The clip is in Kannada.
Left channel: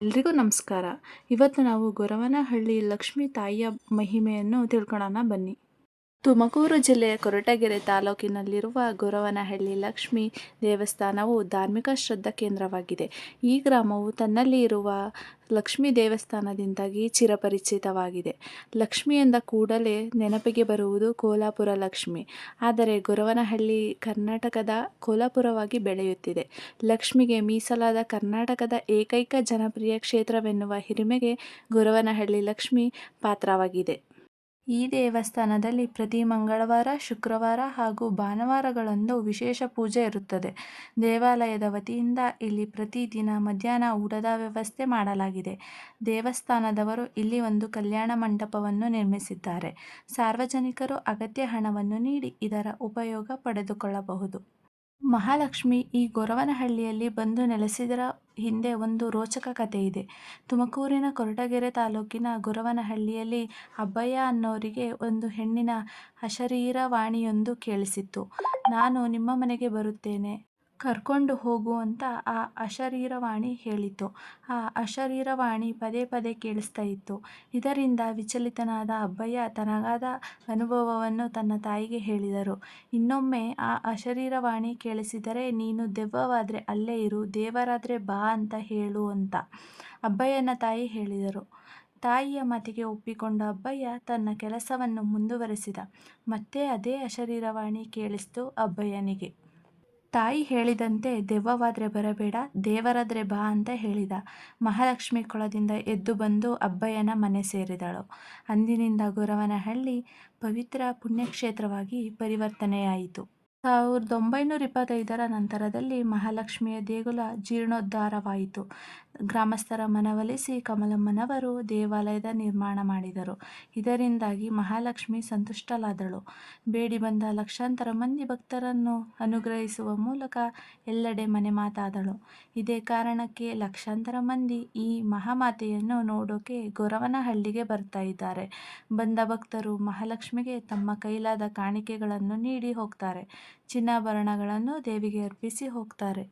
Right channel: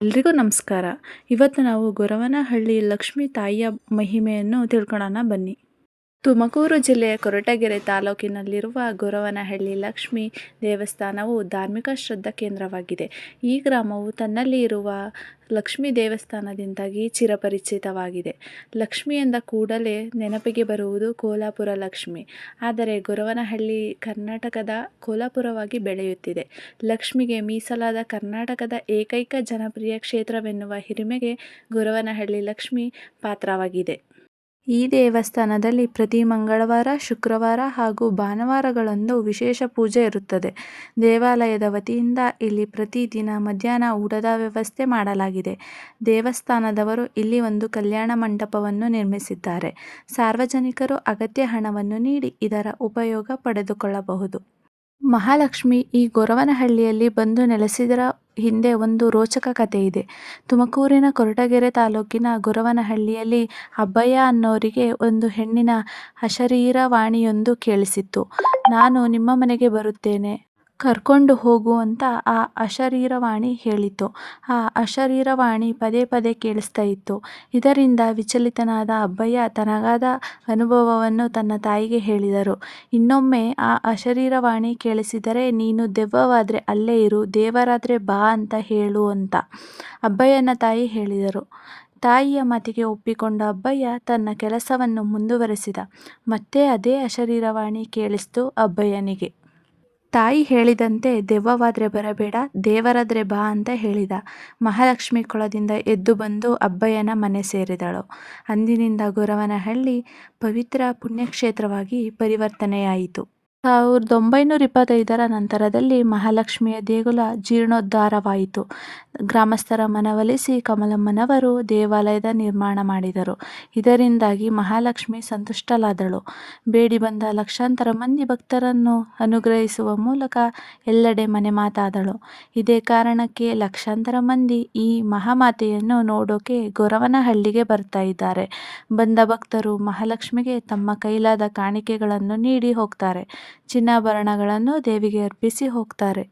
ಎಲ್ರಿಗೂ ನಮಸ್ಕಾರ. ಇವತ್ತು ನಾವು ಗೊರವನಹಳ್ಳಿ ಲಕ್ಷ್ಮೀ ತಾಯಿಯ ಮಹಿಮೆಯನ್ನು ತಿಳ್ಕೊಳ್ಳೋಣ ಬನ್ನಿ. ತುಮಕೂರು ಜಿಲ್ಲೆಯ ಕೊರಟಗೆರೆ ತಾಲೂಕಿನಲ್ಲಿರುವ ಗೊರವನಹಳ್ಳಿ ಲಕ್ಷ್ಮೀ ದೇವಸ್ಥಾನವು ಧಾರ್ಮಿಕ ಶ್ರದ್ಧಾ ಕೇಂದ್ರವಾಗಿದೆ. ಈ ಗ್ರಾಮವು ತನ್ನಲ್ಲಿ ಇರುವ ಲಕ್ಷ್ಮೀ ದೇವಸ್ಥಾನದಿಂದಾಗಿ ಚಿರಪರಿಚಿತವಾಗಿದೆ. ಲಕ್ಷ್ಮಿ ಎಂದ ಕೂಡಲೇ ನೆನಪಿಗೆ ಬರುವುದು ಕೋಲಾಪುರ ಲಕ್ಷ್ಮಿ. ಆದರೆ ಗೊರವನಹಳ್ಳಿ ಕರ್ನಾಟಕದ ಕೋಲಾಪುರವಾಗಿ ಬೆಳೆಯುತ್ತಿದೆ. ಲಕ್ಷ್ಮಿಗೆ ಮೀಸಲಾದ ಕರ್ನಾಟಕದ ಏಕೈಕ ಜನಪ್ರಿಯ ಕ್ಷೇತ್ರವೆನ್ನುವ ಹಿರಿಮೆಗೆ ಗೊರವನಹಳ್ಳಿ ಲಕ್ಷ್ಮಿ ಪಾತ್ರವಾಗಿದೆ. ಈ ದೇವಸ್ಥಾನದಲ್ಲಿ ಪ್ರತಿ ಮಂಗಳವಾರ, ಶುಕ್ರವಾರ ಹಾಗೂ ಭಾನುವಾರಗಳಂದು ವಿಶೇಷ ಪೂಜೆ ಇರುತ್ತದೆ. ದೇವಾಲಯದ ವತಿಯಿಂದ ಇಲ್ಲಿ ಪ್ರತಿ ದಿನ ಮಧ್ಯಾಹ್ನ ಊಟದ ವ್ಯವಸ್ಥೆ ಮಾಡಲಾಗಿದೆ. ದೇವಸ್ಥಾನದವರು ಇಲ್ಲಿ ಒಂದು ಕಲ್ಯಾಣ ಮಂಟಪವನ್ನು ನಿರ್ಮಿಸಿದ್ದಾರೆ. ಸಾರ್ವಜನಿಕರು ಅಗತ್ಯ ಹಣವನ್ನು ನೀಡಿ ಇದರ ಉಪಯೋಗ ಪಡೆದುಕೊಳ್ಳಬಹುದು. ಮಹಾಲಕ್ಷ್ಮಿ ಈ ಗೊರವನಹಳ್ಳಿಯಲ್ಲಿ ಬಂದು ನೆಲೆಸಿದರ ಹಿಂದೆ ಒಂದು ರೋಚಕ ಕಥೆ ಇದೆ. ತುಮಕೂರಿನ ಕೊರಟಗೆರೆ ತಾಲೂಕಿನ ಗೊರವನಹಳ್ಳಿಯಲ್ಲಿ ಅಬ್ಬಯ್ಯ ಅನ್ನೋರಿಗೆ ಒಂದು ಹೆಣ್ಣಿನ ಅಶರೀರವಾಣಿಯೊಂದು ಕೇಳಿಸಿತ್ತು. ನಾನು ನಿಮ್ಮ ಮನೆಗೆ ಬರುತ್ತೇನೆ, ಕರ್ಕೊಂಡು ಹೋಗು ಅಂತ ಆ ಅಶರೀರವಾಣಿ ಹೇಳಿತು. ಆ ಅಶರೀರವಾಣಿ ಪದೇ ಪದೇ ಕೇಳಿಸ್ತಾ ಇತ್ತು. ಇದರಿಂದ ವಿಚಲಿತನಾದ ಅಬ್ಬಯ್ಯ ತನಗಾದ ಅನುಭವವನ್ನು ತನ್ನ ತಾಯಿಗೆ ಹೇಳಿದರು. ಇನ್ನೊಮ್ಮೆ ಆ ಅಶರೀರವಾಣಿ ಕೇಳಿಸಿದರೆ ನೀನು ದೆವ್ವವಾದರೆ ಅಲ್ಲೇ ಇರು, ದೇವರಾದರೆ ಬಾ ಅಂತ ಹೇಳು ಅಂತ ಅಬ್ಬಯ್ಯನ ತಾಯಿ ಹೇಳಿದರು. ತಾಯಿಯ ಮಾತಿಗೆ ಒಪ್ಪಿಕೊಂಡ ಅಬ್ಬಯ್ಯ ತನ್ನ ಕೆಲಸವನ್ನು ಮುಂದುವರೆಸಿದ. ಮತ್ತೆ ಅದೇ ಅಶರೀರವಾಣಿ ಕೇಳಿಸ್ತು ಅಬ್ಬಯ್ಯನಿಗೆ. ತಾಯಿ ಹೇಳಿದಂತೆ ದೆವ್ವವಾದರೆ ಬರಬೇಡ, ದೇವರಾದರೆ ಬಾ ಅಂತ ಹೇಳಿದ. ಮಹಾಲಕ್ಷ್ಮಿ ಕೊಳದಿಂದ ಎದ್ದು ಬಂದು ಅಬ್ಬಯ್ಯನ ಮನೆ ಸೇರಿದಳು. ಅಂದಿನಿಂದ ಗೊರವನಹಳ್ಳಿ ಪವಿತ್ರ ಪುಣ್ಯಕ್ಷೇತ್ರವಾಗಿ ಪರಿವರ್ತನೆಯಾಯಿತು. 1925ರ ನಂತರದಲ್ಲಿ ಮಹಾಲಕ್ಷ್ಮಿಯ ದೇಗುಲ ಜೀರ್ಣೋದ್ಧಾರವಾಯಿತು. ಗ್ರಾಮಸ್ಥರ ಮನವೊಲಿಸಿ ಕಮಲಮ್ಮನವರು ದೇವಾಲಯದ ನಿರ್ಮಾಣ ಮಾಡಿದರು. ಇದರಿಂದಾಗಿ ಮಹಾಲಕ್ಷ್ಮಿ ಸಂತುಷ್ಟಳಾದಳು. ಬೇಡಿ ಬಂದ ಲಕ್ಷಾಂತರ ಮಂದಿ ಭಕ್ತರನ್ನು ಅನುಗ್ರಹಿಸುವ ಮೂಲಕ ಎಲ್ಲೆಡೆ ಮನೆಮಾತಾದಳು. ಇದೇ ಕಾರಣಕ್ಕೆ ಲಕ್ಷಾಂತರ ಮಂದಿ ಈ ಮಹಾಮಾತೆಯನ್ನು ನೋಡೋಕೆ ಗೊರವನಹಳ್ಳಿಗೆ ಬರ್ತಾ ಇದ್ದಾರೆ. ಬಂದ ಭಕ್ತರು ಮಹಾಲಕ್ಷ್ಮಿಗೆ ತಮ್ಮ ಕೈಲಾದ ಕಾಣಿಕೆಗಳನ್ನು ನೀಡಿ ಹೋಗ್ತಾರೆ. ಚಿನ್ನಾಭರಣಗಳನ್ನು ದೇವಿಗೆ ಅರ್ಪಿಸಿ ಹೋಗ್ತಾರೆ.